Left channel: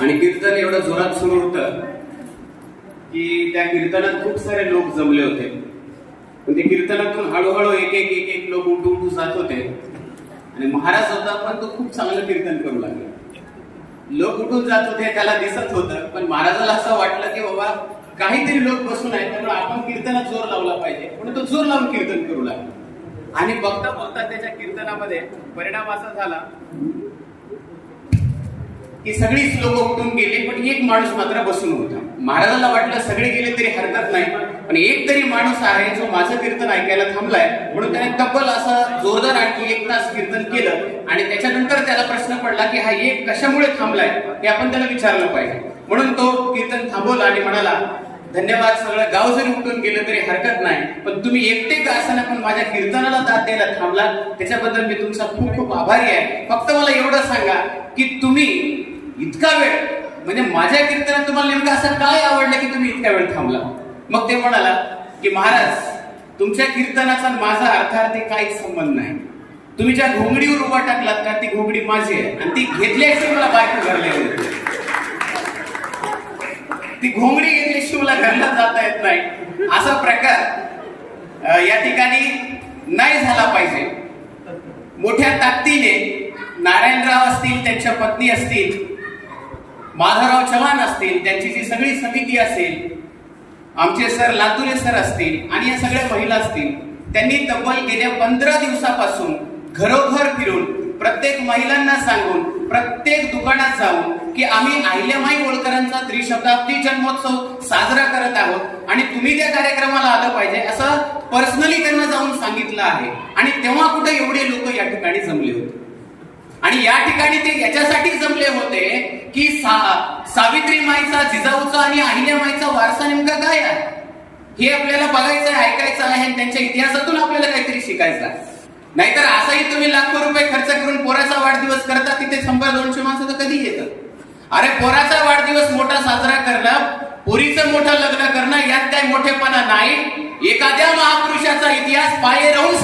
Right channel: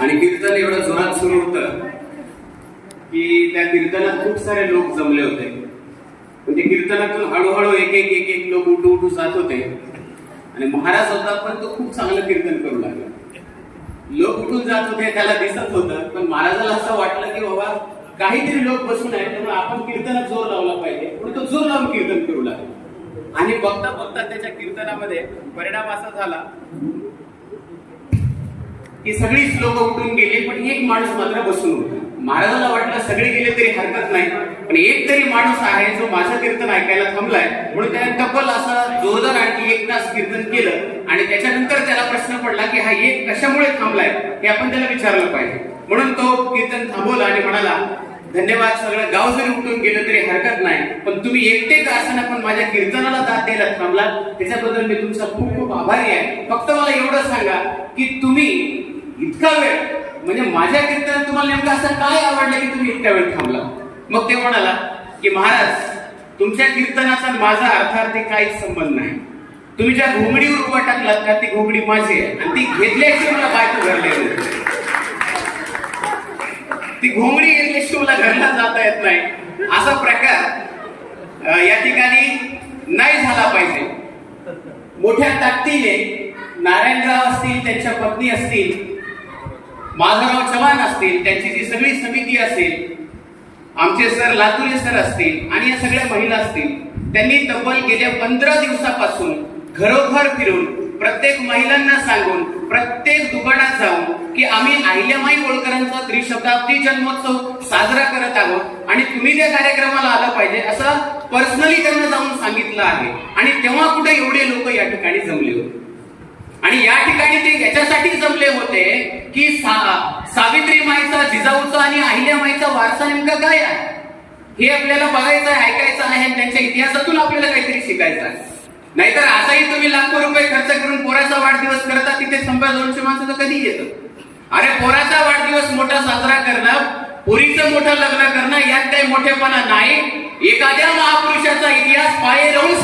आणि कीर्तन एवढं जोरात सुरू होतं की त्या कीर्तनात खूप सारे लोक जमले होते. म्हणजे कीर्तनातून हळूहळू एक एक एक एक लोक उठू उठू जात होते. आणि महाराज होता पण तो खूप चांगलं कीर्तन करू लागला. लोक उठून जात होते त्याला दिसत होतं पण महाराजाला असं वाटलं की बाबा काहीतरी लोक बसून आहेत त्यामुळे आपण कीर्तनात जोर लावला पाहिजे. म्हणून तो जोर लावून कीर्तन करू लागला. आणि बघता बघता त्याच्या कीर्तनामध्ये परिणाम असा झाला ती सगळीच लोक उठून गेले पण एक माणूस मात्र बसून होता. महाराजाला वाटलं सगळे गेले तरी हरकत नाही पण एक तरी माणूस आहे जो माझं कीर्तन ऐकायला थांबलाय. म्हणून त्याने तब्बल असं जोरदार आणखी एक तास कीर्तन केलं आणि त्याच्यानंतर त्याला प्रश्न पडला की हा एक कशामुळे थांबलाय हे आपण त्याला विचारलं पाहिजे. म्हणून तो कीर्तन थांबवला आणि म्हणाला धन्यवाद सगळं गाव जरी उठून गेलं तरी हरकत नाही पण तुम्ही एकटे का असताना पण माझ्या कीर्तनाला दाद द्यायला थांबला त्याच्याबद्दल मी तुमचा खूप खूप आभारी आहे. फक्त मला एवढं सांगा की तुम्ही इतका वेळ. म्हणजे माझ्या कीर्तनात तुम्हाला नेमकं असं काय आवडलं की तुम्ही इतका वेळ थांबला? मग ते म्हणाला की महाराज तुमच्या कीर्तनाचा माझा अर्थार्थी काहीच संबंध नाही. तुम्ही ज्या घोंगडीवर उभा टाकलात का ती घोंगडी माझी आहे आणि ती घेतल्याशी मला बाहेर घडलेली होती ती घोंगडी घेतल्याशी मला घरला जाता येत नाही. असा प्रकार या ठिकाणी नाही झाला पाहिजे. मोठ्या ताकदीने नारायणराव असतील त्यांच्या पत्नी असतील माधवराव चव्हाण असतील त्यांची जी सगळी समिती असेल आमचे सर लातुरे सर असतील आणि या सगळ्या महिला असतील त्यांनी तब्बल गेल्या पंधरा दिवसापासून घरोघर फिरून प्रत्येक महिलांना सांगून प्रत्येक दुकानात जाऊन की आम्ही अहिल्यामाई होळकरांचा त्रिशताब्दी जन्मोत्सव साजरा करत आहोत आणि तुम्ही त्या कार्यक्रमाला आलं पाहिजे असं पर्सनली त्यांना जाऊन सांगितलं आहे. आणि तेव्हा कुठे एवढे लोक या ठिकाणी जमले होते? आणि या ठिकाणी ते याच्यासाठी जमले होते की सा- सावित्री माईचा जिजाऊचा आणि अहिल्या माईचा वारसा नेमका काय आहे? हे आपल्याला बघायचं आहे ऐकायचं आहे आणि त्यांच्या इतिहासातून आपल्याला काहीतरी शिकायचं आहे. नाहीतर असाही तुम्ही लाखो रुपये खर्च करून पोराचा वाढदिवस करता तिथे शंभर दोनशे माणसं तर कधी येतं अरे पोराचा वाढदिवस मोठा साजरा करणं पुरीचं मोठं लग्न करणं यात काही मोठेपणा नाही. एखाद्या महापुरुषाचा इतिहास पाय राहून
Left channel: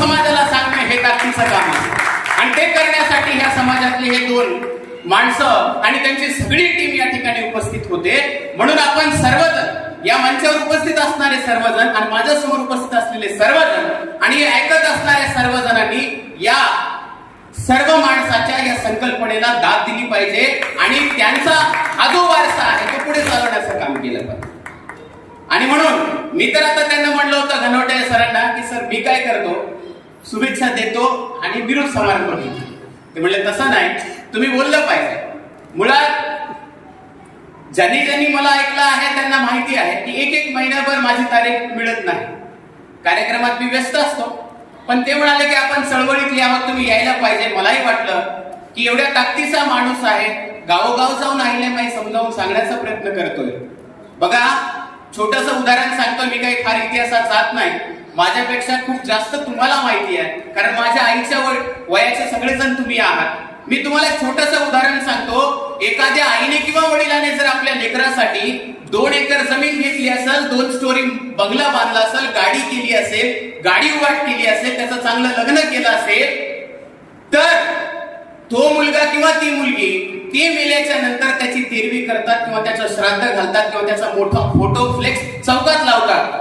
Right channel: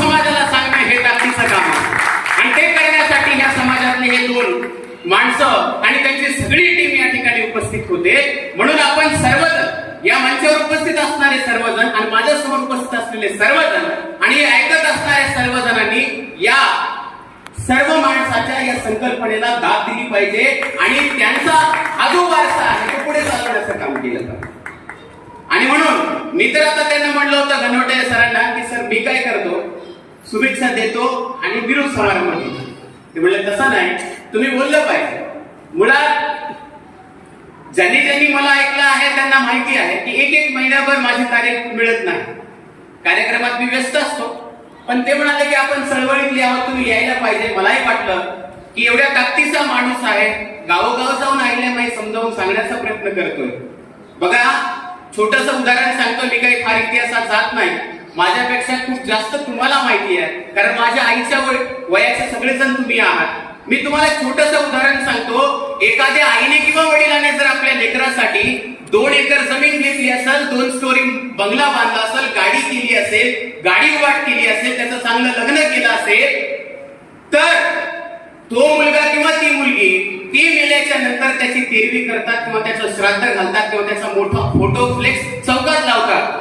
माणसं आणि त्यांची सगळी टीम या ठिकाणी उपस्थित होते. म्हणून आपण सर्वजण या मंचावर उपस्थित असणारे सर्वजण आणि माझ्यासमोर उपस्थित असलेले सर्वजण आणि हे ऐकत असणारे सर्वजणांनी या सर्व माणसाच्या या संकल्पनेला दाद दिली पाहिजे आणि त्यांचा हा जो वारसा आहे तो पुढे चालवण्याचं काम केलं पाहिजे. आणि म्हणून मी तर आता त्यांना म्हणलं होतं घनवटे सरांना की सर मी काय करतो? शुभेच्छा देतो आणि विरोध समारंभ घेतो ते म्हणजे तसं नाही. तुम्ही बोललं पाहिजे. मुळात ज्यांनी ज्यांनी मला ऐकलं आहे त्यांना माहिती आहे की एक एक महिन्याभर माझी तारीख मिळत नाही. कार्यक्रमात मी व्यस्त असतो. पण ते म्हणाले की आपण चळवळीत आहोत तुम्ही यायला पाहिजे. मलाही वाटलं की एवढ्या ताकदीचा माणूस आहे गावोगाव जाऊन आहिल्यामाई समजावून सांगण्याचा प्रयत्न करतोय. बघा छोटस उदाहरण सांगतो मी काही फार इतिहासात जात नाही. माझ्यापेक्षा खूप जास्त तुम्हाला माहिती आहे. कारण माझ्या आईच्या वय- वयाचे सगळेजण तुम्ही आहात. मी तुम्हाला छोटस उदाहरण सांगतो. एखाद्या आईने किंवा वडिलाने जर आपल्या लेकरासाठी दोन एकर जमीन घेतली असेल दोन स्टोरी बंगला बांधला असेल गाडी केली असेल गाडी वाट केली असेल त्याचं चांगलं लग्न केलं असेल तर तो मुलगा किंवा ती मुलगी ती मेल्याच्या नंतर त्याची तेरवी करतात किंवा त्याचं श्राद्ध घालतात किंवा त्याचा मोठा फोटो फ्लेक्स चौकात लावतात.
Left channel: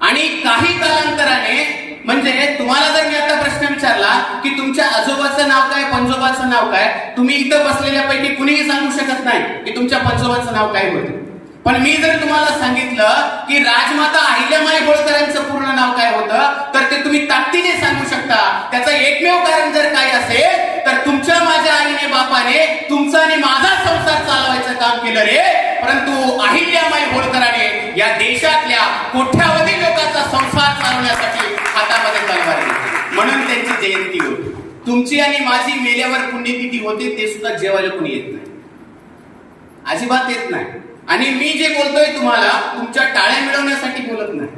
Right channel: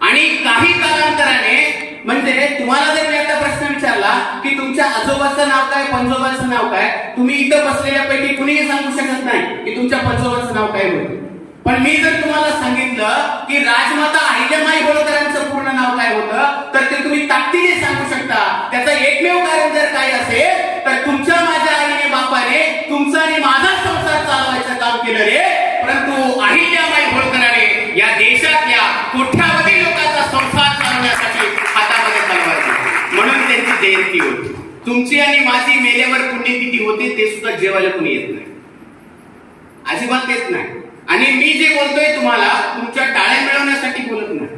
आणि काही कालांतराने म्हणजे तुम्हाला जर मी आता प्रश्न विचारला की तुमच्या आजोबाचं नाव काय पंजोबाचं नाव काय तुम्ही इथं बसलेल्यापैकी कुणीही सांगू शकत नाही की तुमच्या पंजोबाचं नाव काय होतं. पण मी जर तुम्हाला सांगितलं की राजमाता अहिल्यामाई होळकरांचं पूर्ण नाव काय होतं तर ते तुम्ही ताकदीने सांगू शकता. त्याचं एकमेव कारण जर काय असेल तर तुमच्या माझ्या आईने बापाने तुमचा आणि माझा संसार चालवायचं काम केलं रे. परंतु अहिल्यामाई होळकराने या देशातल्या कोट्यावधी लोकांचा संसार चालवण्यासाठी हातामध्ये तलवार घेतली म्हणून त्यांची जयंती होती तुमची आणि माझी मेल्यावर पुण्यतिथी होते ते सुद्धा जेवायला कोणी येत नाही. अजिबात येत नाही. आणि मी जे बोलतोय तुम्हाला तुमच्या टाळ्या मिळवण्यासाठी बोलत नाही.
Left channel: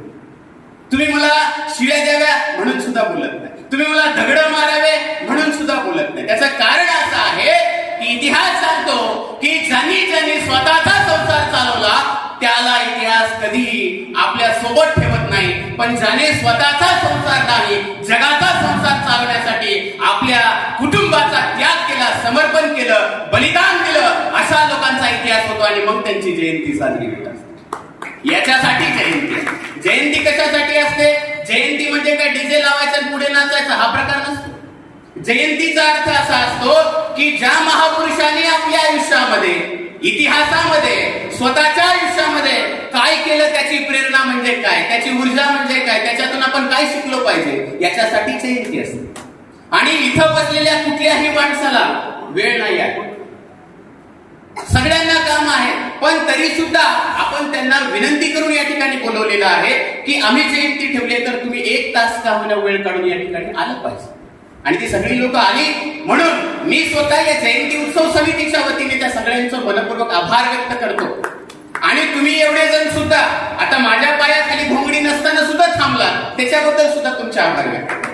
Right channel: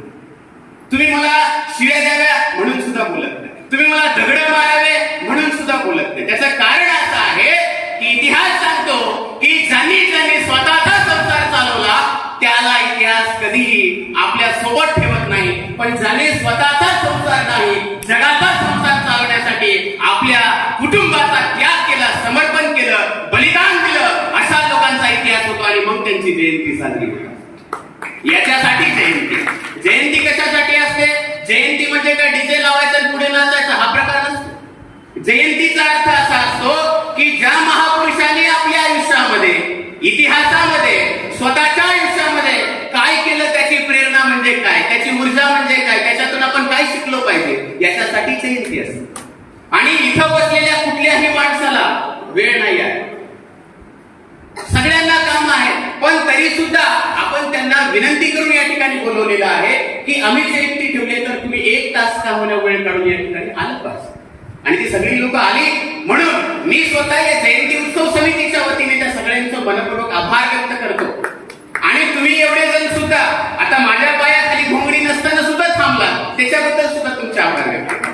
तुम्ही मला शिव्या द्याव्या म्हणून सुद्धा बोलत नाही. तुम्ही मला दगड मारावे म्हणून सुद्धा बोलत नाही. त्याचं कारण असं आहे की इतिहास सांगतो की ज्यांनी ज्यांनी स्वतःचा संसार चालवला त्याला इतिहास कधीही आपल्यासोबत ठेवत नाही. पण ज्याने स्वतःचा संसार नाही जगाचा संसार आपल्या कुटुंबाचा त्याग केला समर्पण केलं बलिदान दिलं असा लोकांचा इतिहास होतो आणि मग त्यांची जयंती साजरी याच्यासाठी जयंती. जयंती कशासाठी असते? जयंती म्हणजे काय? डीजे लावायचा पुढे नाचायचा हा प्रकार नसतो. जयंतीचा अर्थ असा असतो की ज्या महापुरुषांनी आपल्या आयुष्यामध्ये इतिहासामध्ये स्वतःच्या आयुष्यामध्ये काय केलं त्याची प्रेरणा म्हणजे काय? त्याची ऊर्जा म्हणजे काय? त्याच्यातून आपण काय शिकलो पाहिजे? याच्यासाठी जयंती असते. आणि इथं बसलेल्या कुठल्याही माणसाला वेळ नाही आहे. सगळ्यांना काम आहे पण तरी सुद्धा आपण त्यांना विनंती करून या ठिकाणी बोलवलेलं आहे की आम्ही जयंती ठेवली तर तुम्ही एक तास का होण्या वेळ काढून या ठिकाणी आलं पाहिजे. आणि ती सगळी लोक आली म्हणून मी स्वतः या जयंती उत्सव समितीच्या वतीने त्या सगळ्यांचं मनपूर्वक आभार व्यक्त करतो. आणि तुम्ही एवढे जण सुद्धा आता माझ्या पायाखाली घोंगडी नसताना सुद्धा थांबला त्याच्याबद्दल सुद्धा तुमचे आभार व्यक्त करतो.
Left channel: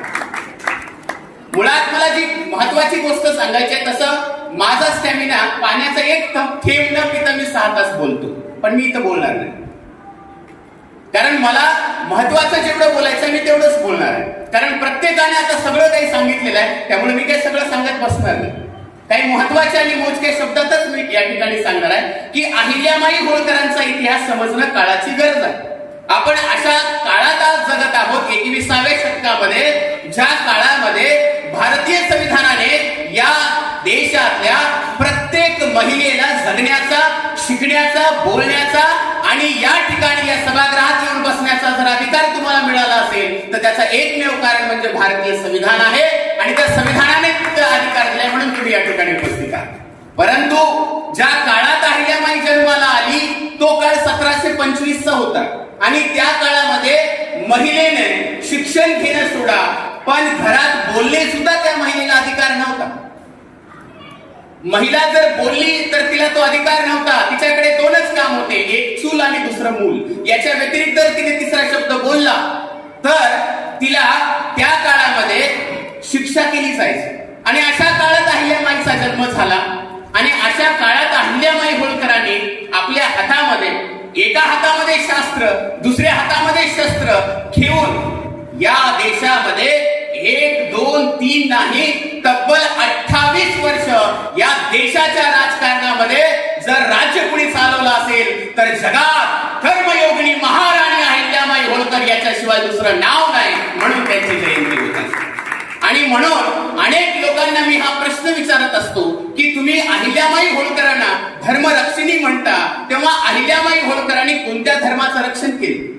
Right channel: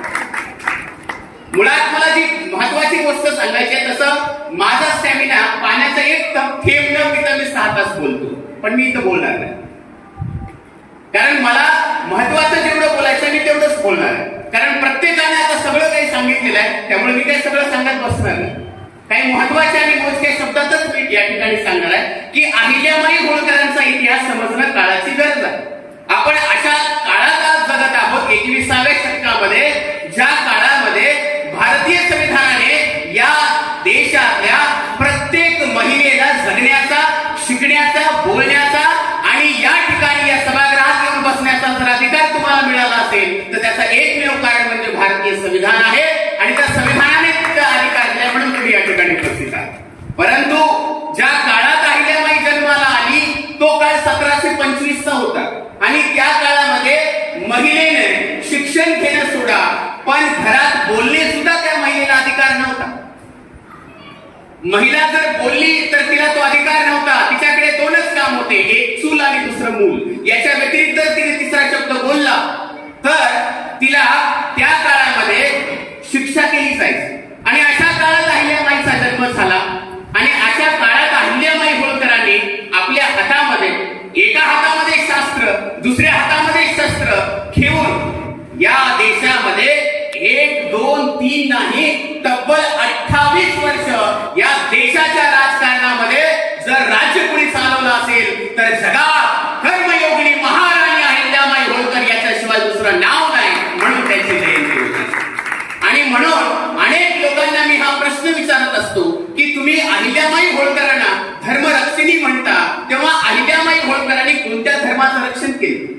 मुळात मला जी महत्वाची गोष्ट सांगायची आहे तसं माझा स्टॅमिना पाण्याचा एक थेंब न पिता मी सहा तास बोलतो. पण मी इथं बोलणार नाही. कारण मला महत्वाचं जेवढं बोलायचं मी तेवढंच बोलणार आहे. कारण प्रत्येकाने आता सगळं काही सांगितलेलं आहे त्यामुळे मी काही सगळं सांगत बसणार नाही. काही महत्त्वाचे आणि मोजक्या शब्दातच मी या ठिकाणी सांगणार आहे की अहिल्यामाई होळकरांचा इतिहास समजणं काळाची गरज आहे. आपण अशा त्याचा एकमेव कारण म्हणजे भारतीय संविधान आहे आणि त्या संविधानाने तिथं अधिकार दिला म्हणून तुम्ही या ठिकाणी उपस्थित आहात. परंतु ज्या काळात अहिल्याबाई जन्माला आली तो काळ सतराशे पंचवीसचा होता. आणि त्या काळामध्ये महिलेने शिक्षण घेणं सोडा पण घरात बोलणे सुद्धा त्या महिलेला अधिकार नव्हता. महिला जर बोलली तर तिला तो अधिकार नव्हता. तिच्याकडे दोनच काम होते एक चूल आणि दुसरं मूल. याच्या व्यतिरिक्त जर तिने तिसरा शब्द बोलला तर तिला त्या काळामध्ये शिक्षा केली जायची. आणि अशा काळात अहिल्यामाईचा जन्म झाला. आणि अशा काळात अहिल्यामाई होळकरांनी आपल्या हातामध्ये एका हातामध्ये शास्त्र दुसऱ्या हातामध्ये शस्त्र घेऊन या देशामध्ये एक दोन तीन नाही तब्बल अठ्ठावीस वर्ष या देशाच्या राजकारणामध्ये जर राज्य कुणी चालवलं असेल तर जगात कर्मयोगिनी महाराणी अहिल्यामाई होळकर याच्याशिवाय दुसरं नाव नाही म्हणून त्यांची जयंती होती आणि म्हणून अनेक लोकांना मी हा प्रश्न विचारत असतो की तुम्ही अहिल्यामाई होळकरांना धर्मरक्षिणी म्हणता तेव्हा अहिल्यामाई होळकरांनी कोणत्या धर्माचं रक्षण केलं?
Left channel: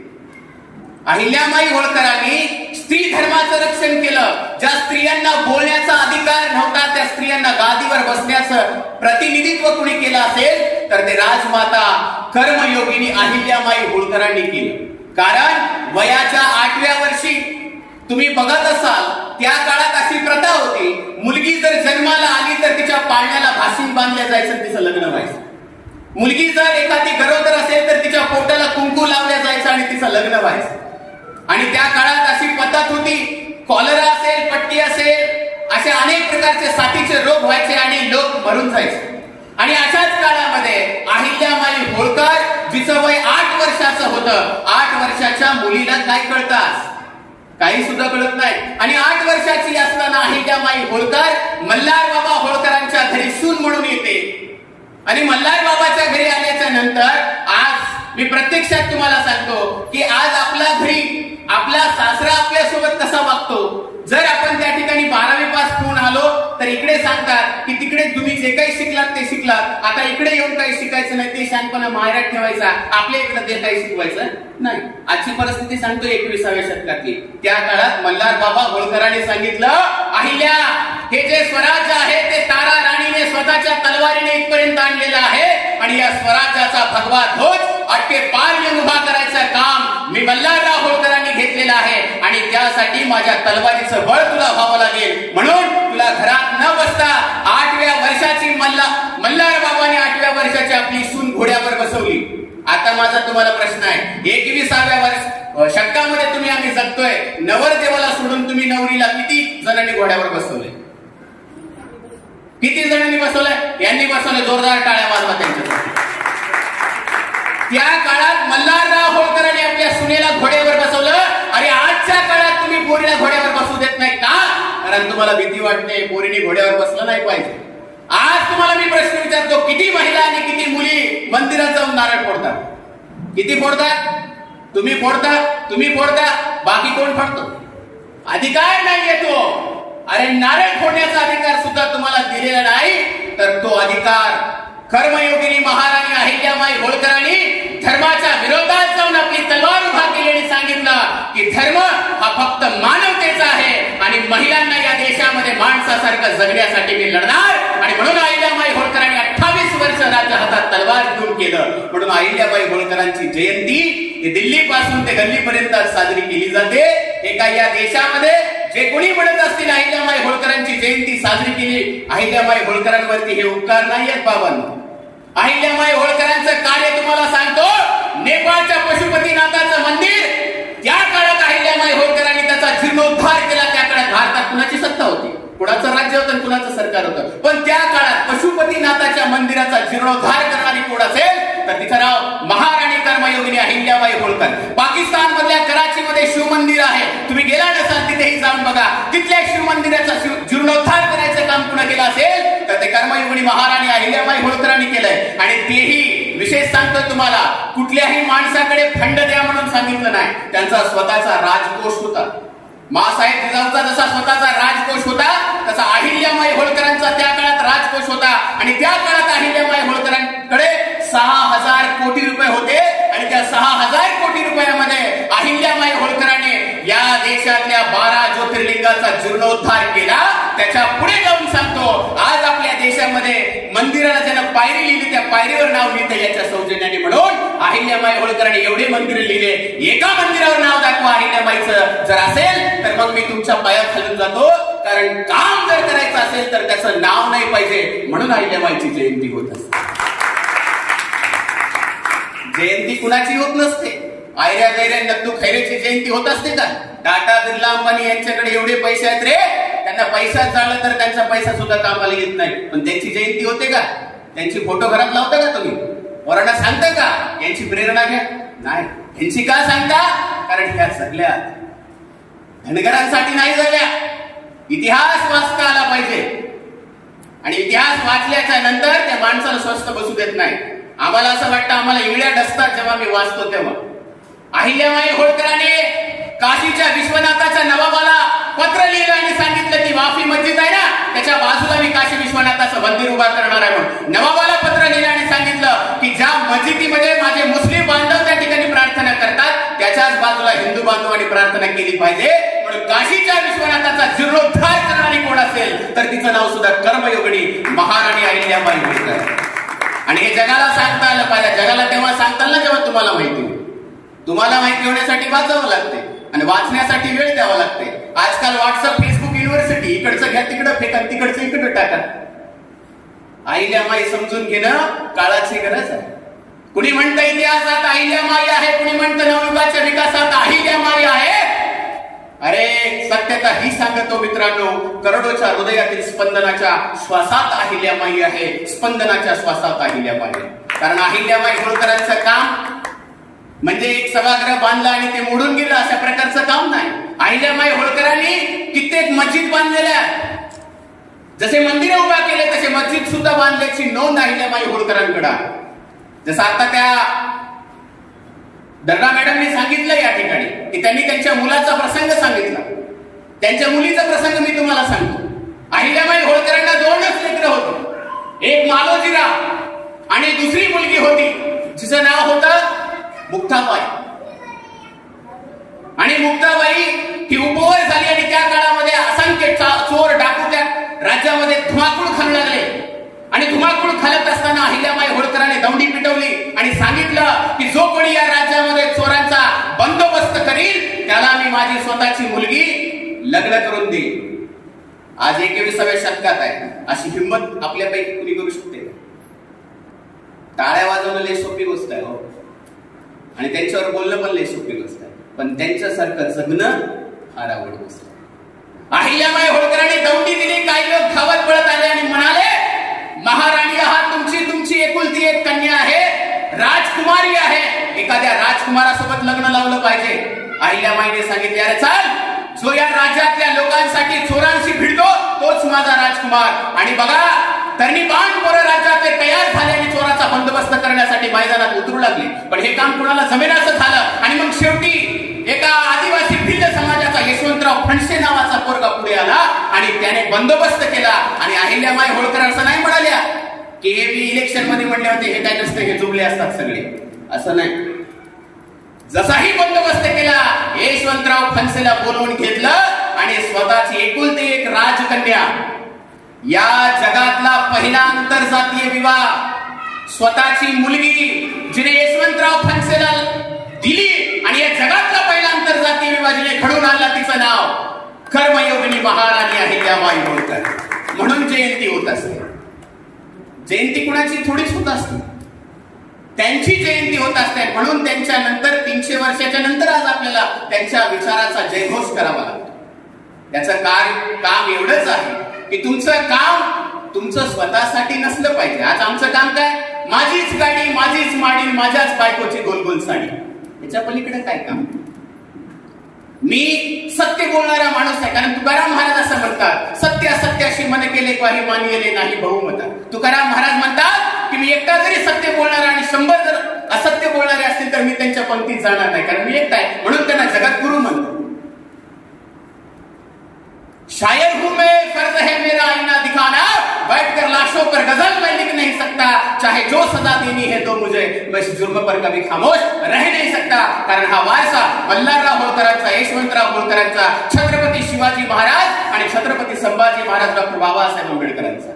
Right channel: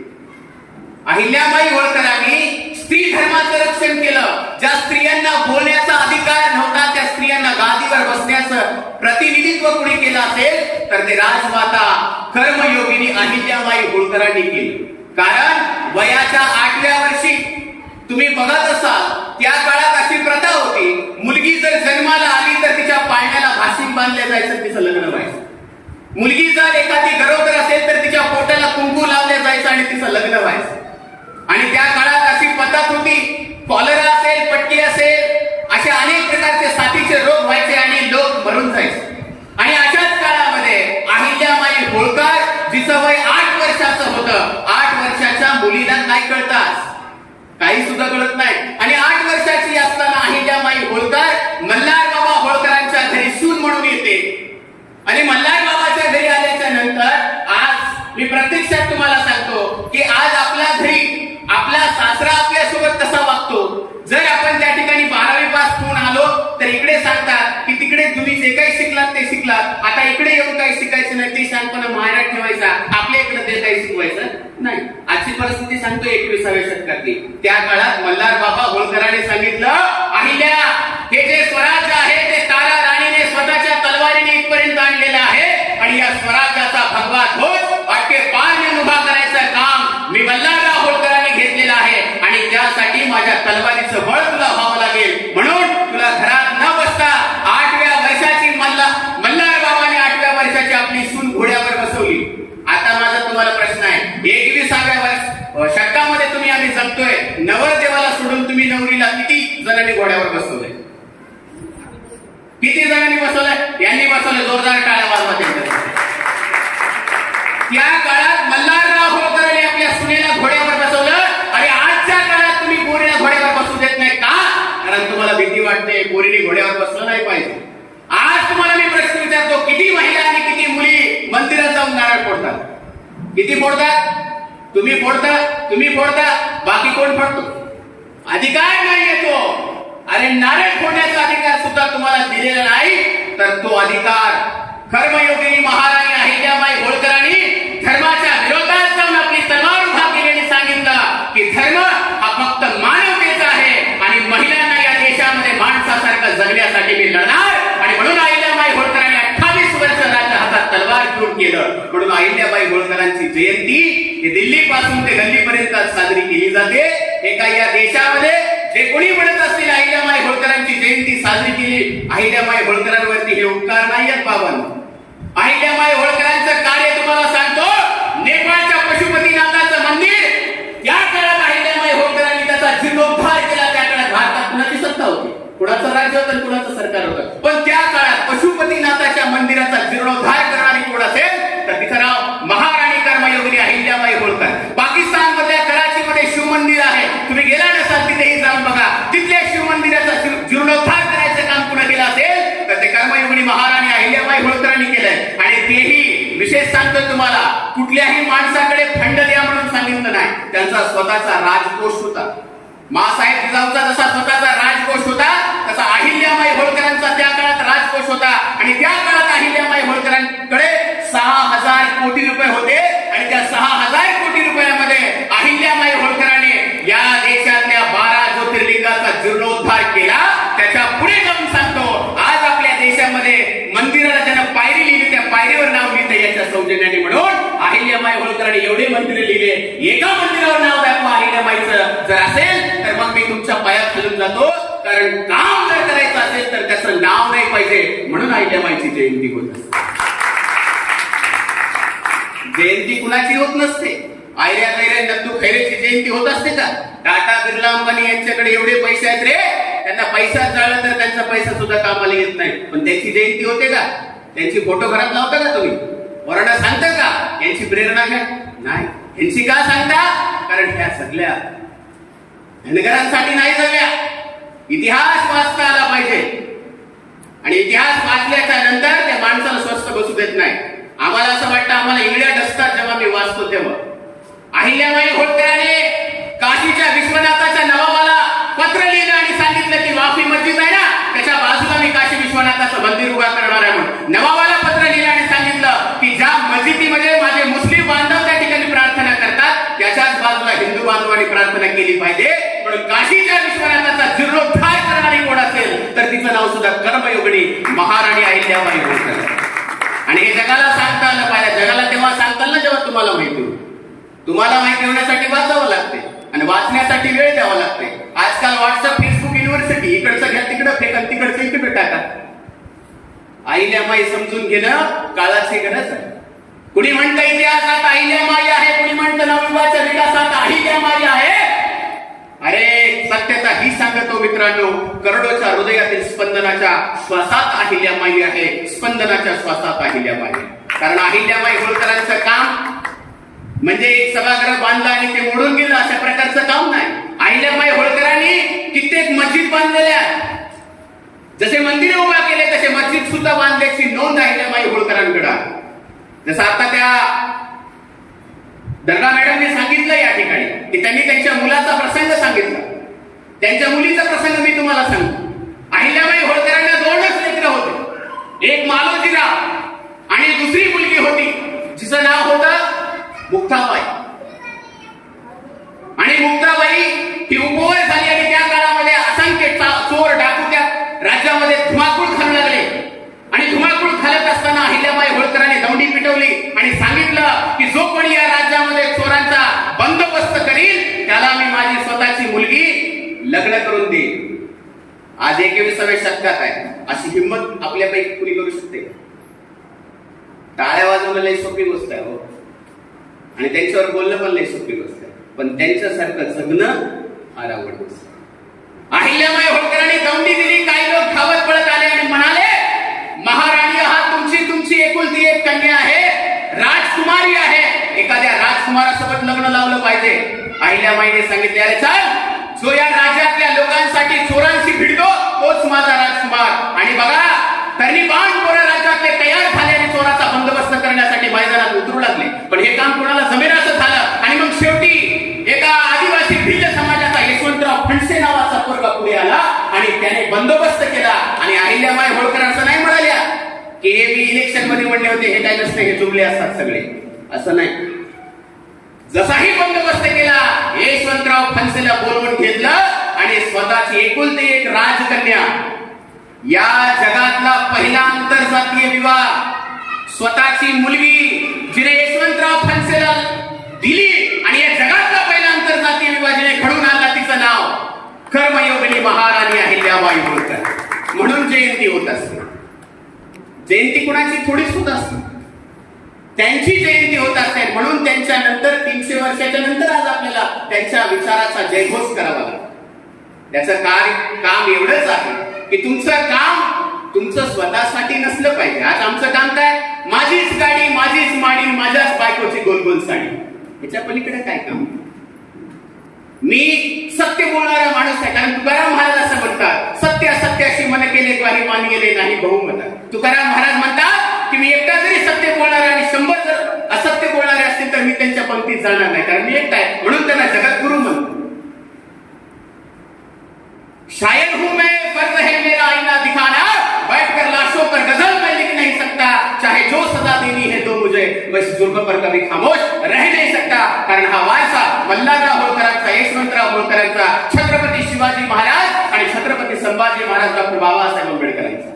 अहिल्यामाई होळकरांनी स्त्री धर्माचं रक्षण केलं. ज्या स्त्रियांना बोलण्याचा अधिकार नव्हता त्या स्त्रियांना गादीवर बसण्याचं प्रतिनिधित्व कुणी केलं असेल तर ते राजमाता कर्मयोगिनी अहिल्यामाई होळकरांनी केलं. कारण वयाच्या आठव्या वर्षी तुम्ही बघत असाल त्या काळात अशी प्रथा होती मुलगी जर जन्माला आली तर तिच्या पाळण्याला भाषिक बांधले जायचं तिचं लग्न व्हायचं. मुलगी जर एखादी गरोदर असेल तर तिच्या पोटाला कुंकू लावले जायचं आणि तिचं लग्न व्हायचं. आणि त्या काळात अशी पद्धत होती कॉलरा असेल पटकी असेल असे अनेक प्रकारचे साथीचे रोग व्हायचे आणि लोक भरून जायचे. आणि अशाच काळामध्ये अहिल्यामाई होळकर जिचं वय आठ वर्षाचं होतं आठ वर्षाच्या मुलीला काय कळतात काही सुद्धा कळत नाही. आणि आठ वर्षाची असताना अहिल्यामाई होळकर मल्हार बाबा होळकरांच्या घरी सून म्हणून येते. आणि मल्हार बाबाच्या घरी आल्याच्यानंतर आज मी प्रत्यक्षात तुम्हाला सांगतो की आज आपला घरी आपला सासरा आपल्यासोबत कसा वागतो. जर आपण त्या ठिकाणी बारा आलो तर इकडे सांगतात की तिकडे तुम्ही जे काही शिकलात ते शिकलात. आता इकडे येऊन काही शिकायचं नाही ते शानपणा माहेरात ठेवायचा. आपल्या इकडे ते काही शिकवायचं नाही. आजची परिस्थिती सांगतो एकविसाव्या शतकातली. त्या काळात मल्हार बाबा होळकरांनी सांगितलं अहिल्या हे जे स्वराज्य आहे ते तारा राणीने स्वतःच्या तलवारीने इथपर्यंत आणलेलं आहे. आणि या स्वराज्याचा भगवा ध्वज अटके पारने उभा करायचं काम मी मल्हारराव होळकरांनी घेतलेलं आहे. आणि त्यासाठी माझ्या तलवारीचं बळ तुला व्हावं लागेल. म्हणून तुला घरात न बसता आठव्या वर्षाची मल्ला मल्हार बाबाने आठव्या वर्षाची आपली सून घोड्यावर बसवली. आता माझा तुम्हाला प्रश्न आहे. एकविसाव्या वर्ष शतकामध्ये तुम्ही आम्ही जगतोय. नवरदेवाला सोडून तुम्ही नवरीला किती जणांनी घोड्यावर बसवलंय? किती जणांनी बसवलंय? यांनी बसवलं जोरदार टाळ्या मारवा त्यांच्या त्या काळात मल्हारराव होळकरांनी आपल्या सुनेला घोड्यावर आजच्या काळात तुम्ही पोरीला घोड्यावर बसू देत नाही का? कारण तुम्हाला भीती वाटते पोरीने घोड्यावर बसलं नाही पाहिजे. आज तुम्हाला मी प्रश्न विचारतो किती महिला आणि किती मुली मंदिरात जाऊन नारळ फोडतात? किती फोडतात? तुम्ही फोडता तुम्ही फोडता बाकी कोण फोडतो? अधिकार नाही येतो अरे नारळ फोडण्याचा अधिकार सुद्धा तुम्हाला दिलेला नाही तर तो अधिकार कर्मयोगिनी महाराणी अहिल्याबाई होळकरांनी धर्माच्या विरोधात जाऊन आपली तलवार उभा केली आणि सांगितलं की धर्म हा फक्त मानवतेचा आहे आणि महिलांना या देशामध्ये माणसासारखं जगण्यासाठी मी लढणार आणि म्हणून अहिल्याबाई होळकरांनी अठ्ठावीस वर्ष राज्य हातात तलवार घेऊन केलं म्हणून अहिल्याबाई होळकरांची जयंती ही दिल्ली पासून ते गल्लीपर्यंत साजरी केली जाते. एका या देशामध्ये जे कोणी म्हणत असतील अहिल्यामाई होळकरांची जयंती साजरी केली अहिल्यामाई होळकरांवरती हे उपकार नाही आहेत बाबांनो अहिल्यामाई होळकरांचं कार्य तुम्हाला सांगतो नेपाळच्या पशुपतीनाथाचं मंदिर त्या काळात अहिल्यामाई होळकरांनी त्याचा जीर्णोद्धार केला त्या काळात भारतात कुणाची सत्ता होती? कुणाचं राज्य होतं कुणाचं सरकार होतं? पण त्या काळात पशुपतीनाथाच्या मंदिराचा जीर्णोद्धार करणारी कोण असेल तर तिथं राव महाराणी अहिल्याबाई होळकर पाकिस्तान मधल्या कराची मध्ये शिव मंदिर आहे. तुम्ही गेला नसाल तिथेही जाऊन बघा. तिथल्या शिव मंदिराचा जीर्णोद्धार करायचं काम कुणा केलं असेल? तर ते कर्मयोगिनी महाराणी अहिल्याबाई होळकरांनी केलंय. आणि तेही विशेष सांगतो तुम्हाला कुठल्याही माणसाकडे फंड द्या म्हणून सांगितलं नाही. त्यांचा स्वतःचा राजकोष होता. मासाहेब जिजाऊचा जसा स्वतःचा राजकोष होता तसा अहिल्याबाई होळकरांचा त्या काळात राजकोष होता. आणि त्या काळात अहिल्याबाई होळकरांकडे सहा हजार कोटी रुपये होते आणि त्या सहा हजार कोटी रुपयामध्ये अहिल्याबाई होळकरांनी या देशातल्या बारा ज्योतिर्लिंगाचा जीर्णोद्धार केला त्याच्या पुढे जाऊन सांगतो आज आपल्या देशामध्ये मंदिराला ज्यानं पायरी लिहिली त्या पायरीवर नाव लिहितं याच्या सौजन्याने म्हणून. अहिल्याबाई होळकरांनी एवढे मंदिर लिहिले एका मंदिरावर नाव दाखवा अहिल्याबाईचं. जर असेल तर मग मी तुमच्या पायात खालून जातो. कारण काम जर करायचं असेल तर त्याचं नाव नाही पाहिजे. म्हणून अहिल्याबाईची जयंती होत असते. जयंती कुणाची होत नसते? आयऱ्या गैऱ्या नंदू खैरेची जयंती होत असते का? टाटा बिर्ला अंबानी यांच्याकडे एवढे पैसे आहेत रे. त्यांना पैसा चालला तर त्यांचा पैसा सुद्धा कामाला येत नाही. पण त्यांची जयंती होते का? त्यांची फोटो घरात लावता का तुम्ही? वरडा सांगता का? यांची प्रेरणा घ्या. नाही. यांची का सांगता? कारण ह्या सगळ्या धनगरांसाठी नाही झाल्या. इतिहास वाचता आला पाहिजे. आणि इतिहास वाचल्याच्या नंतर त्या माणसाला स्वस्त बसू देत नाही. आम्हाला असं वाटतं आम्हाला इंगड्या डसतात जेव्हा मी वाचतो तेव्हा. अहिल्याबाई होळकरांनी काशीच्या विश्वनाथाच्या नवाबाला पत्र लिहिलं आणि सांगितलं की वाफी मस्जिद आहे ना त्याच्या बाजूला मी काशी विश्वनाथाचं मंदिर उभा करणार आहे म्हणून. नवाबाला पत्र लिहिलं आणि सांगितलं की ज्या मस्जिदीमध्ये माझे मुस्लिम बांधव त्या ठिकाणी प्रार्थना करतात त्याच्याच बाजूला हिंदू बांधवांनी प्रार्थना केली पाहिजे. म्हणून काशीच्या विश्वनाथाचा जीर्णोद्धार करणारी कोण असेल तर तिचं नाव सुद्धा कर्मयोगिनी महाराणी अहिल्याबाई होळकर आणि हे जगाला सांगता आलं पाहिजे. जगाला तेव्हा सांगताल ना जेव्हा तुम्हाला माहिती होईल. तुम्हाला माहिती होण्यासाठी वाचावं लागते आणि वाचण्यासाठी वेळ द्यावा लागते. आजकाल व्हॉट्सअप फेसबुक युनिव्हर्सिटी इकडचं घ्या तिकडं फेका तिकडचं इकडं टाका. माई समजून घेणं काळाची गरज आहे. कुणी म्हणतं इतिहासात माई आहे कुणी म्हणतं नवयुगाच्या विकासात अहिल्यामाई आहे? अरे सत्यता ही सांगतो मित्रांनो करडोच्या हृदयातील स्पंदनाच्या श्वासात अहिल्यामाई आहे स्पंदनाच्या श्वासात अहिल्यामाई आहे. कारण अहिल्याबाई होळकरांचं काम म्हणजे एक सभागृह बांधला आणि ते मोडून गेलं अशा प्रकारचं काम नाही. अहिल्याबाई होळकरांनी कित्येक मस्जिद बांधलेल्या जसे मंदिर उभा केले तसे मस्जिद सुद्धा बांधल्याची नोंद अहिल्याबाई होळकरांकडे. जसं आता त्या दर्गा मॅडमने सांगितलं या ठिकाणी की त्यांनी त्यांच्या मुलाचा प्रसंग सांगितला. त्यांच्या मुलीचा प्रसंग मी तुम्हाला सांगतो. अहिल्याबाई होळकरांना दोनच लेकर होते. एक मालोजीराव आणि दुसरी मुलगी होती जिचं नाव होतं मुक्ताबाई. आणि मुक्ताबाई ही उपवर झाली आणि त्या काळामध्ये असंख्य चोर डाकू त्या राज्यामध्ये धुमाकूळ खाऊ लागले. आणि धुमाकूळ खालत असताना अहिल्याबाई होळकरांनी दौंडी पिटवली आणि सांगितलं की जो कोणी या राज्यामध्ये चोरांचा बंदोबस्त करील त्याला मी माझी स्वतःची मुलगी लग्न करून देईन. आज एकविसाव्या शतकात आहे. अशी हिंमत आपल्यापैकी कुणी करू शकते? टाळ्या वाजवणं लय सोपी गोष्ट आहे हो. आणि त्यांच्यावर बोलणं पण लय सोपी गोष्ट आहे. पण त्यांच्यासारखं जगणं फार आवड गोष्ट अहिल्याबाई होळकरांनी दौंडी दिली काही लोक धावत पळत आले आणि म्हणाले महाराणी आहात तुमची तुमची एकुलती एक कन्या आहे राजकुमारी आहे. एखाद्या राजकुमारासोबत लग्न लावलं पाहिजे. अहिल्याबाईने सांगितले अरे चाल जो या राज्यातल्या लोकांसाठी चोरांशी भिडतो तोच माझा राजकुमार. आणि बघा त्यांनी बाण पोरं राज्यातले पण हे काम कोणाला जमेल झालं. आणि मग शेवटी एका आदिवासी भिल्ल समाजाचा यशवंतराव फणसे नावाचा पोरगा पुढे आला आणि त्याने बंदोबस्त केला. आणि अहिल्याबाई होळकर असं नाही म्हणाल्या की हे मी इलेक्शनमध्ये म्हणले होते हे काय नसते हे चुकले असतात सगळे. असं नाही. जसाही बंदोबस्त केला यशवंतराव फणसेला बोलवून घेतलं आणि स्वतःची एकुलती एक राजकन्या. या जगातला पहिला आंतरजातीय विवाह स्वतःची मुलगी जिने यशवंतराव फणसेला दिली आणि या जगातला पहिला आंतरजातीय विभाजने जिने घडून आणला तिचं नाव. कर्मयोगिनी महाराणी अहिल्याबाई होळकर म्हणून जयंती होत असते. जयंती कुणाची? थोडीच होत असते. त्यांची जयंती होत असते. म्हणून त्यांच्या नंतर तीनशे वर्षाच्या नंतर आज आपल्याला त्यांच्या विचाराचा जयघोष करावा लागतो. त्याचं कार्य काम एवढंच आहे की तुमचं काम तुमचं स्वतःसाठी नसलं पाहिजे. आज आमचं काम काय? माझीच गाडी माझीच माडी माझ्याच बायकोची गोलगोल साडी याच्या पलीकडे काय काम? मी सत्य बोलणारा माणूस आहे कारण तुकाराम महाराज असं म्हणतात सत्य असत्याशी मन केले वारी मान गेले नाही बहुमत तुकाराम महाराज म्हणतात की मी एकटा जरी सत्य बोलणार आणि शंभर जर असत्य बोलणारे असतील तर मी त्यांच्या पंक्तीत जाणार नाही कारण मी एकटा आहे. म्हणून त्यांना जगद्गुरु म्हणतो शायर हूं मैं फर्ज है मेरा आईना दिखाना। बैठ कर लाशों पर गजल मैं लिख नहीं सकता। चाहे जो सजा देनी है तो मुझे। मैं इस जुर्म पर कभी खामोश रह नहीं सकता। कारण हा वारसा मल्हारराव होळकरांचा यशवंतराव होळकरांचा छत्रपती शिवाजी महाराज आणि छत्रपती संभाजी महाराज डॉक्टर बाबासाहेब आंबेडकरांचा.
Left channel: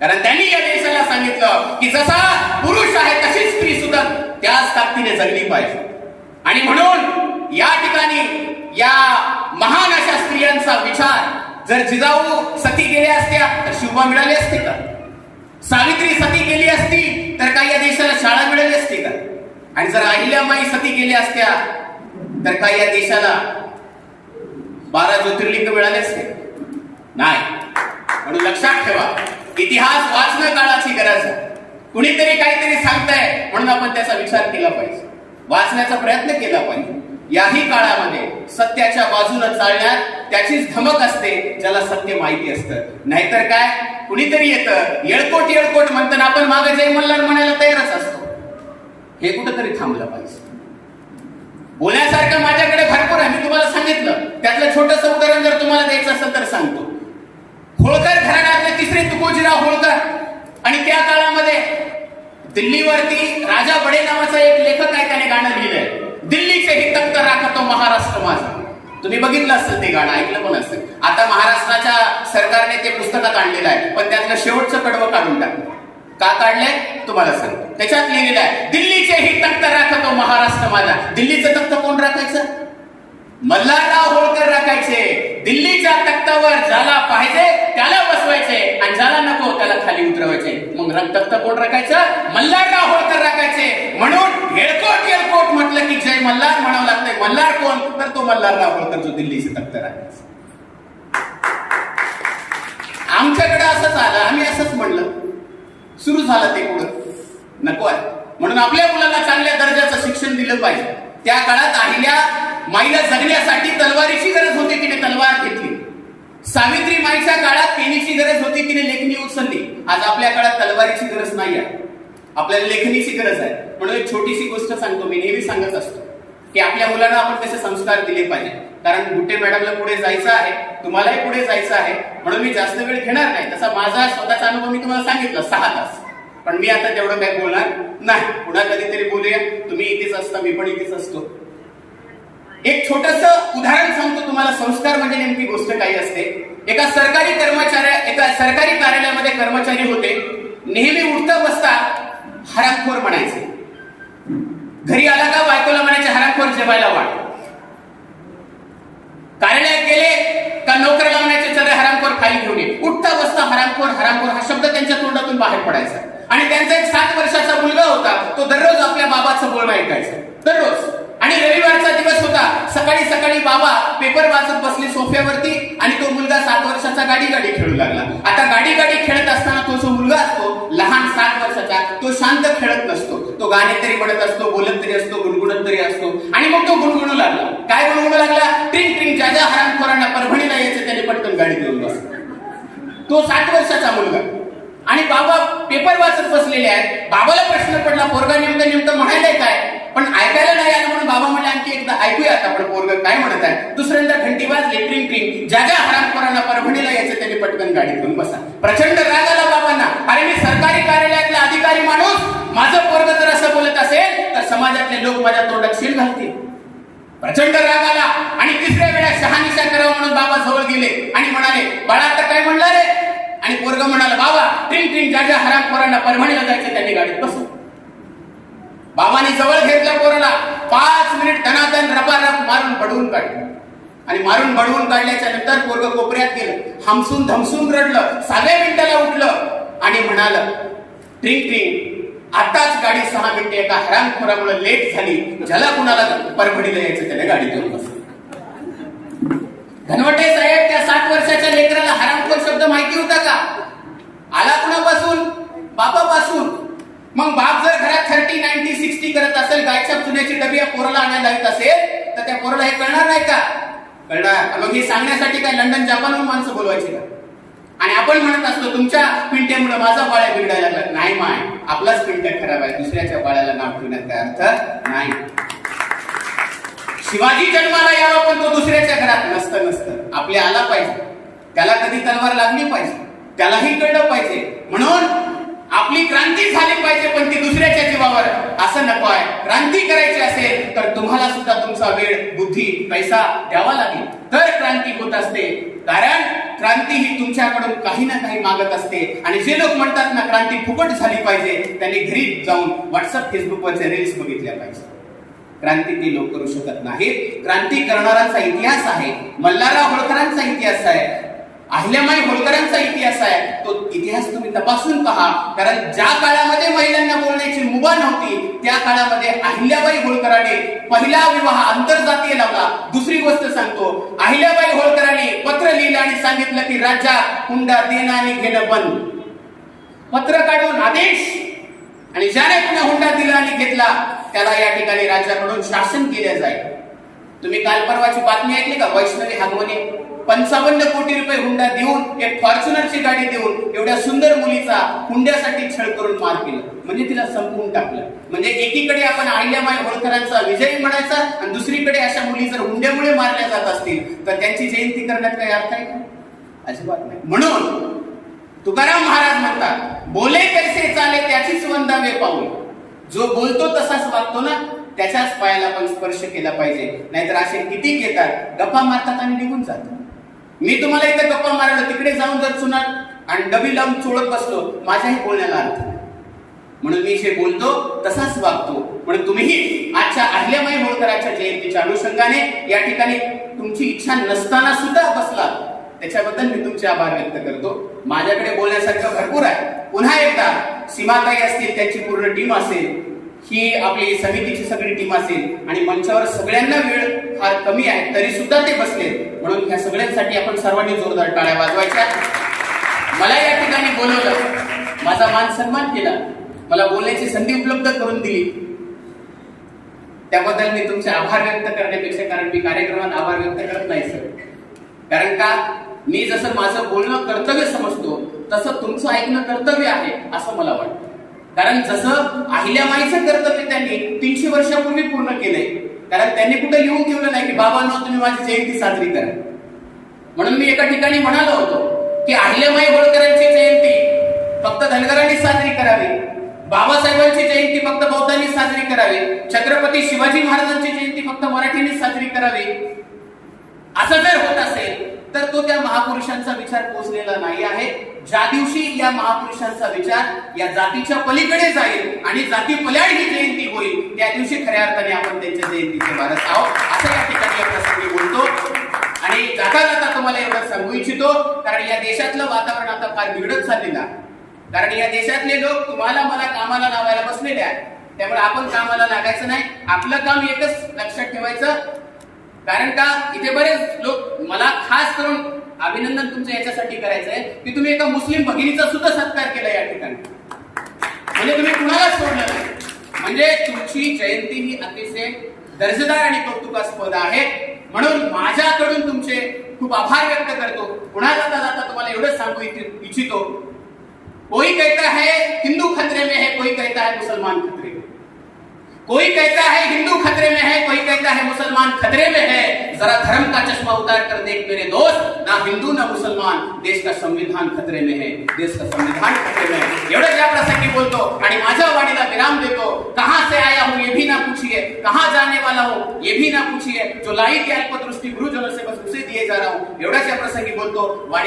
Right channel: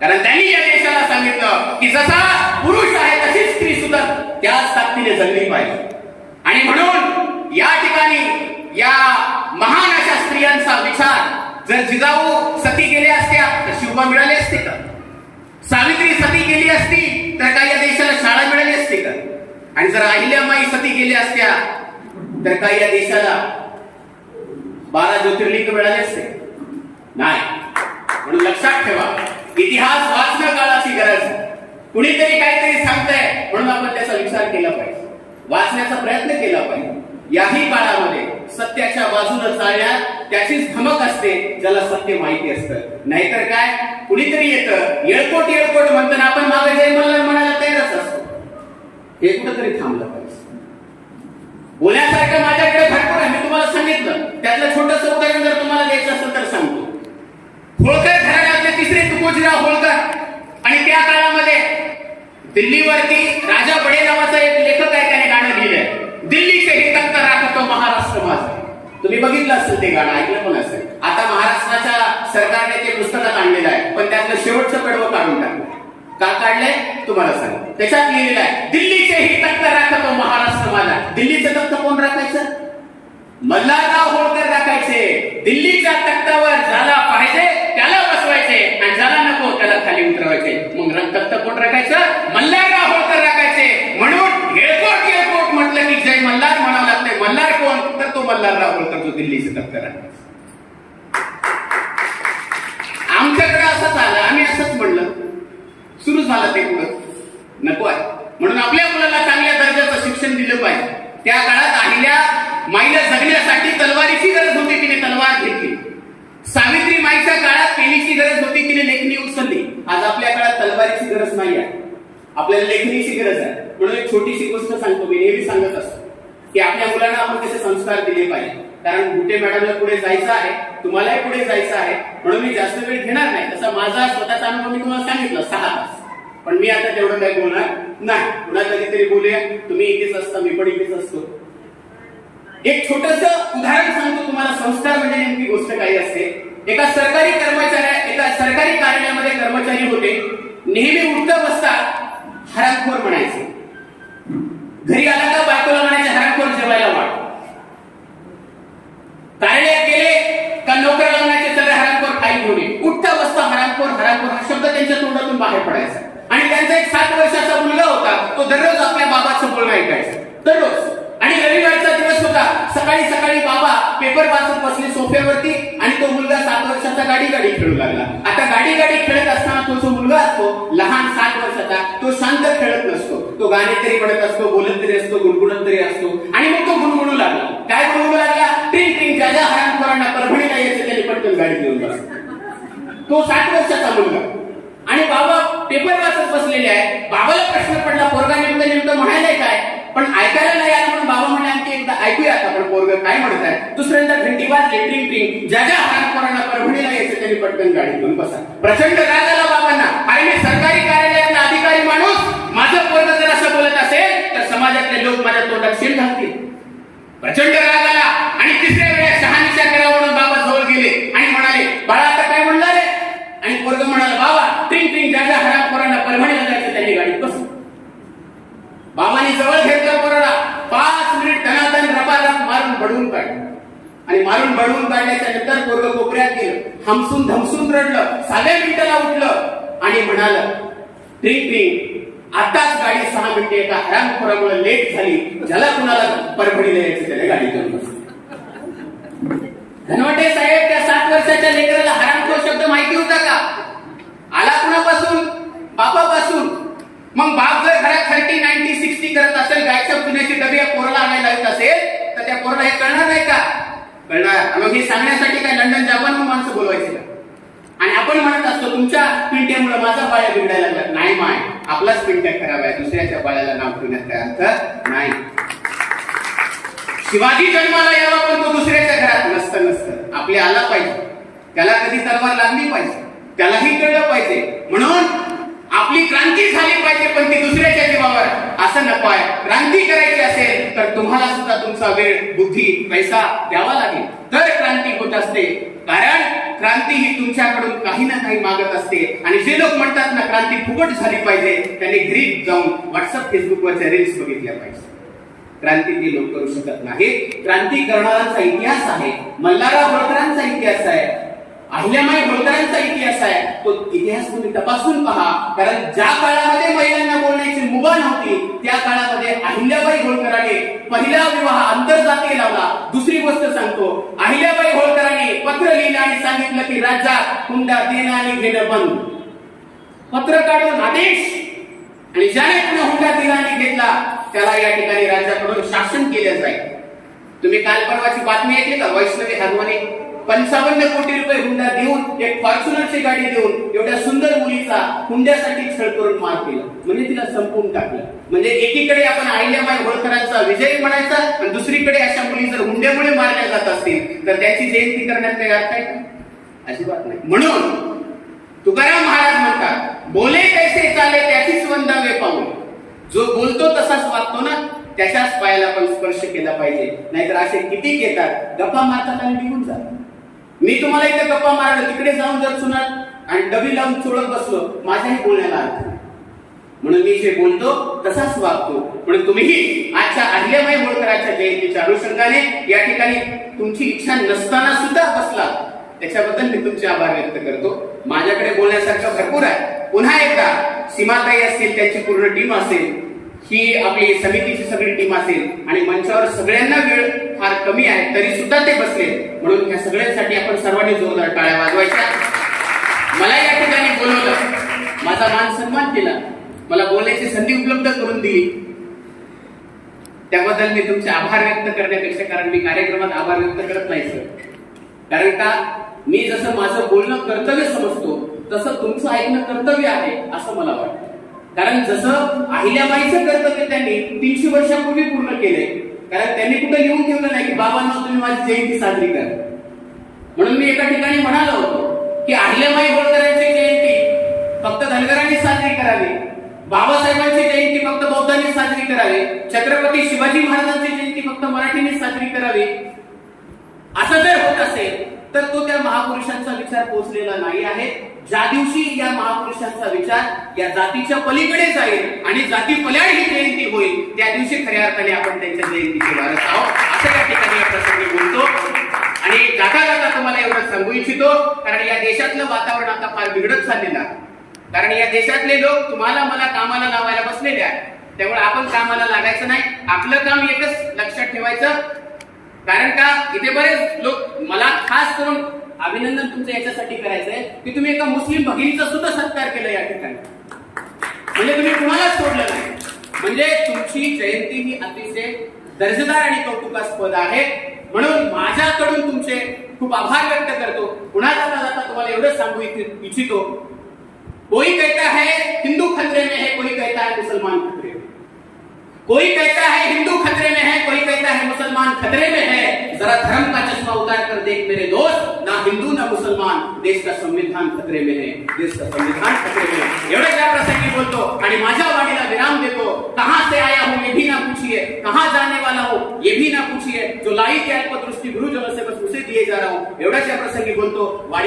कारण त्यांनी या देशाला सांगितलं की जसा पुरुष आहे तशीच स्त्री सुद्धा त्याच ताकदीने जगली पाहिजे. आणि म्हणून या ठिकाणी या महान अशा स्त्रियांचा विचार जर जिजाऊ सती गेल्या असत्या तर शिवबा मिळाले असते का? सावित्री सती गेली असती तर काय या देशाला शाळा मिळाली असते का? आणि जर अहिल्यामाई सती गेल्या असत्या तर काय या देशाला बारा ज्योतिर्लिंग मिळाले असते? नाही. म्हणून लक्षात ठेवा इतिहास वाचणं काळाची गरज आहे. कुणीतरी काहीतरी सांगताय म्हणून आपण त्याचा विचार केला पाहिजे. वाचण्याचा प्रयत्न केला पाहिजे. याही काळामध्ये सत्याच्या बाजूने चालण्यात त्याचीच धमक असते ज्याला सत्य माहिती असतं. नाहीतर काय? कुणीतरी येतं येळकोट येळकोट म्हणताना आपण मागे जय मल्हार म्हणायला तयारच असतो. हे कुठंतरी थांबलं पाहिजे. बोलण्यासारखं माझ्याकडे भरपूर आहे मी तुम्हाला सांगितलं. त्यातलं छोटस उदाहरण जर तुम्हाला द्यायचं असेल तर सांगतो. होळकर घराण्यातले तिसरे तुकोजीराव होळकर. आणि त्या काळामध्ये दिल्लीवरती राजा बडे नावाचा एक लेखक आहे त्याने गाणं लिहिलंय. दिल्लीचे ही तख्त राखतो महाराष्ट्र माझा. तुम्ही बघितलं असेल ते गाणं ऐकलं पण असेल. आता महाराष्ट्राच्या सरकारने ते पुस्तकात आणलेलं आहे पण त्यातलं शेवटचं कडवं काढून टाकलं का काढलंय? तुम्हाला सांग त्याच्यात लिहिलेलं आहे दिल्लीचे ही तख्त राखतो महाराष्ट्र माझा. दिल्लीचं तख्त कोण राखायचं? मल्हारराव होळकर राखायचे. दिल्लीच्या तख्तावर ज्याला पाहिजे त्याला बसवायचे. आणि ज्याला नको त्याला खाली उतरवायचे. मग तख्त कोण राखायचं? मल्हारराव होळकर राखायचं म्हणून हेळकोट येळकोट म्हटलं की जय मल्हार म्हणावं लागतंय मल्हार कोण तर तो दिल्ली से जो दिल्लीचे आमच्याकडे असंच आलं. आम्ही असंच म्हणलं. सुरू झालं ते पुढं. नको आहे. म्हणून आपल्या मुलाला चांगल्या दर्जाचं शिक्षण दिलं पाहिजे. त्या काळात अहिल्या माईला जगण्यासाठी तलवारीची गरज होती तिने तलवार घेतली. सावित्री माईच्या काळात पेनीची गरज होती तिने लेखणी उचलली. आज आपल्या काळात तलवारीची गरज नाही आहे. आपल्याला लेखणीची गरज आहे. म्हणून एक छोटीशी गोष्ट सांगतो. मी नेहमी सांगत असतो की आपल्या मुलांना आपण त्याचे संस्कार दिले पाहिजे. कारण गुट्टे मॅडमला पुढे जायचं आहे तुम्हालाही पुढे जायचं आहे म्हणून मी जास्त वेळ घेणार नाही. तसा माझा स्वतःचा अनुभव मी तुम्हाला सांगितलं सहा तास. पण मी आता तेवढं काय बोलणार नाही. पुन्हा कधीतरी बोलूया. तुम्ही इथेच असता मी पण इथेच असतो. एक छोटस उदाहरण सांगतो तुम्हाला. संस्कार म्हणजे नेमकी गोष्ट काही असते. एका सरकारी कर्मचाऱ्या एका सरकारी कार्यालयामध्ये कर्मचारी होते. नेहमी उठता बसता हरामखोर म्हणायचे. घरी आला का बायकोला म्हणायचे हरामखोर जेवायला वाढ. कार्यालयात गेले का नोकर लागण्याचे चला हरामखोर खाली घेऊन ये उठता बसता हरामखोर हरामखोर हा शब्द त्यांच्या तोंडातून बाहेर पडायचा. आणि त्यांचा एक सात वर्षाचा मुलगा होता तो दररोज आपल्या बाबाचं बोलणं ऐकायचा. दररोज. आणि रविवारचा दिवस होता सकाळी सकाळी बाबा पेपर वाचत बसले सोफ्यावरती आणि तो मुलगा सात वर्षाचा गाडी गाडी खेळू लागला. आता गाडी गाडी खेळत असताना तो जो मुलगा असतो लहान सात वर्षाचा तो शांत खेळत नसतो. तो गाणे तरी म्हणत असतो बोलत तरी असतो गुणगुणत तरी असतो. आणि मग तो गुणगुणू लागला. काय गुणगुणू लागला? ट्रिंग हरामखोरांना परभणीला यायचं त्याने पटकन गाडी घेऊन बस. तो सात वर्षाचा मुलगा. आणि बाबा पेपर वाचत बसलेले आहे बाबाला प्रश्न पडला पोरगा नेमकं नेमकं म्हणायलाय काय? पण ऐकायला नाही आलं म्हणून बाबा म्हणे आणखी एकदा ऐकूया आपण पोरग काय म्हणत आहे दुसऱ्यांदा घंटी वाज लेटरिंग ट्रिंग. ज्या ज्या हरामखोरांना परभणीला यायचं त्यांनी पटकन गाडी घेऊन बसा. प्रचंड राग आला बाबांना. अरे मी सरकारी कार्यालयातला अधिकारी माणूस. माझं पोरग जर असं बोलत असेल तर समाजातले लोक माझ्या तोंडात सील घालतील. प्रचंड राग आला. आणि तिसऱ्या शहानिशा करावं म्हणून बाबा जवळ गेले आणि म्हणाले बाळा आता काय म्हणला रे? आणि पोरग म्हणाला बाबा ट्रिंग ट्रिंग ज्या ज्या हरामखोरांना परभणीला जायचे त्यांनी गाडीत बसू. बाबाने जवळ घेतलं पोराला पाच मिनिट तनातन रपारप मारून बडवून काढलं. आणि मारून बडवून काढल्याच्या नंतर पोरग कोपऱ्यात गेलं. हमसून धमसून रडलं. साध्या मिनिटाला उठलं आणि म्हणाल ट्रिंग ट्रिंग आताच गाडी सहा मिनिटे एका हरामखोरामुळे लेट झाली. ज्याला कुणाला परभणीला यायचं त्याने गाडी घेऊन बसलं. धनवटे साहेब त्या सात वर्षाच्या लेकराला हरामखोर शब्द माहिती होता का? आला कुणापासून बापापासून. मग बाप जर घरात थर्टी नाईन्टी सिक्स्टी करत असेल गायच्या चुन्याची डबी या पोराला आणायला येत असेल तर त्या पोराला हे कळणार नाही का? कळणार. मग हे सांगण्यासाठी काय लंडन जापानहून माणसं बोलवायचे का? आणि आपण म्हणत असतो तुमच्या पिंट्यामुळे माझा बाळ्या बिघडायला नाही माय. आपलाच पिंट्या खराब आहे. दुसऱ्याच्या बाळ्याला नाव ठेवण्यात काय अर्थ? नाही. शिवाजी जन्माला यावा पण तो दुसऱ्याच्या घरात नसतं नसतं. आपले आला पाहिजे. त्याला कधी तलवार लागली पाहिजे. त्यालाही कळलं पाहिजे. म्हणून आपली क्रांती झाली पाहिजे पण ती दुसऱ्याच्या जीवावर असं नको आहे. क्रांती करायची असेल तर तुम्हाला सुद्धा तुमचा वेळ बुद्धी पैसा द्यावा लागेल. तर क्रांती होत असते. कारण क्रांती ही तुमच्याकडून काही ना काही मागत असते. आणि जे लोक म्हणतात ना क्रांती फुकट झाली पाहिजे त्याने घरी जाऊन व्हॉट्सअप फेसबुकवरचे रील्स बघितल्या पाहिजे. क्रांती ती लोक करू शकत नाही. क्रांती करणाराचा इतिहास आहे. मल्हारराव होळकरांचा इतिहास आहे. अहिल्यामाई होळकरांचा इतिहास आहे. तो इतिहास तुम्ही तपासून पहा. कारण ज्या काळामध्ये महिलांना बोलण्याची मुभा नव्हती त्या काळामध्ये अहिल्याबाई होळकराने पहिला विवाह आंतरजातीय लावला. दुसरी गोष्ट सांगतो. अहिल्याबाई होळकराने पत्र लिहिलं आणि सांगितलं की राज्यात हुंडा देणं आणि घेणं बंद. पत्र काढून आदेश. आणि ज्याने पुन्हा हुंडा दिला आणि घेतला त्याला या ठिकाणी राज्याकडून शासन केले जाईल. तुम्ही काल परवाची बातमी ऐकली का? वैष्णवी हागवणे पंचावन्न कोटी रुपये हुंडा देऊन एक फॉर्च्युनरची गाडी देऊन एवढ्या सुंदर मुलीचा हुंड्यासाठी छळ करून मार केला. म्हणजे तिला संपवून टाकलं. म्हणजे एकीकडे आपण आहिल्याबाई होळकरांचा विजय म्हणायचा आणि दुसरीकडे अशा मुली जर हुंड्यामुळे मारल्या जात असतील तर त्यांची जयंती करण्यात काही अर्थ आहे का? अजिबात नाही. म्हणून तुकाराम महाराज म्हणतात बोले कैसे चाले त्याचीच वंदावे पाऊल जो बोलतो तसाच वागतो ना त्याच्याच पायाला पण स्पर्श केला पाहिजे. नाहीतर असे किती घेतात गप्पा मारतात आणि निघून जातात. मी तुम्हाला इथं गप्पा मारलं तिकडे जाऊन जर सुनात आणि डबी लावून चोळत बसलो माझ्याही बोलण्याला अर्थ म्हणून मी जे बोलतो तसाच वागतो. म्हणून तुम्हीही आजच्या अहिल्याबाई होळकरांच्या जयंतीच्या अनुषंगाने या ठिकाणी तुमची इच्छा नसताना सुद्धा बसला. त्याच्याबद्दल मी तुमचे आभार व्यक्त करतो. माझ्याकडे बोलण्यासारखं भरपूर आहे. पुन्हा एकदा सीमाताई असतील त्यांची पूर्ण टीम असेल ही आपली समितीची सगळी टीम असेल आणि मंचावर सगळ्यांना वेळ फार कमी आहे तरी सुद्धा ते बसले म्हणून ह्या सगळ्यांसाठी आपण सर्वांनी जोरदार टाळ्या वाजवायच्या. मला या ठिकाणी बोलवलं. माझा मान सन्मान केला. मला बोलण्याची संधी उपलब्ध करून दिली. त्याबद्दल मी तुमचे आभार व्यक्त करण्यापेक्षा कारण मी कार्यक्रमात आभार व्यक्त करत नाही सर. कारण का? मी जसं माझं बोलणं कर्तव्य समजतो तसं तुमचं ऐकणं कर्तव्य आहे असं मला वाटतं. कारण जसं अहिल्याबाईचं कर्तव्य त्यांनी तीनशे वर्षापूर्वी पूर्ण केले कारण त्यांनी कुठं लिहून ठेवलं नाही की बाबांना तुम्ही माझी जयंती साजरी करा. म्हणून मी एका ठिकाणी म्हणालो होतो की अहिल्याबाई होळकरांची जयंती फक्त धनगरांनी साजरी करावी. बाबासाहेबांची जयंती फक्त बौद्धांनी साजरी करावी. छत्रपती शिवाजी महाराजांची जयंती फक्त मराठीने साजरी करावी. असं जर होत असेल तर तो त्या महापुरुषांचा विचार पोचलेला नाही आहे. ज्या दिवशी या महापुरुषांचा विचार या जातीच्या पलीकडे जाईल आणि जाती पल्याड ही जयंती होईल त्या दिवशी खऱ्या अर्थाने आपण त्यांच्या जयंतीचे वारस आहोत. असं या ठिकाणी या प्रसंगी बोलतो. आणि जाता जाता तुम्हाला एवढं सांगू इच्छितो कारण या देशातलं वातावरण आता फार बिघडत चाललेलं आहे. कारण या देशातले लोक तुम्हाला मला कामाला लावायला बसलेले आहेत. त्यामुळे आपण कामाला लागायचं नाही. आपलं काम एकच लक्षात ठेवायचं. कारण का? इथे बरेच लोक मला खास करून अभिनंदन तुमचं याच्यासाठी करायचंय की तुम्ही एका मुस्लिम भगिनीचा सुद्धा सत्कार केला या ठिकाणी. म्हणजे तुम्ही कुणाला सोडलं नाही. म्हणजे तुमची जयंती ही अतिशय दर्जेदार आणि कौतुकास्पद आहे. म्हणून माझ्याकडून तुमचे खूप आभार व्यक्त करतो. पुन्हा जाता जाता तुम्हाला एवढंच सांगू इच्छितो? कोई कहता है हिंदू खतरे में है कोई कहता है मुसलमान खतरे में. कोई कहता है हिंदू खतरे में है, कोई कहता है मुसलमान खतरे में है, जरा धर्म का चश्मा उतार कर देख मेरे दोस्त, ना हिंदू ना मुसलमान, देश का संविधान खतरे में है, देश का संविधान खतरे में है। एवढंच या प्रसंगी बोलतो? आणि माझ्या वाणीला विराम दे देतो, कहाँ से आया हूँ ये भी ना पूछिए, कहाँ जाने वाला हूँ ये भी ना पूछिए, जो लाई की अल्पदृष्टी गुरुजनों से बस उसे दिए जा रहा हूँ एवढ्याच या प्रसंगी बोलतो? वाणी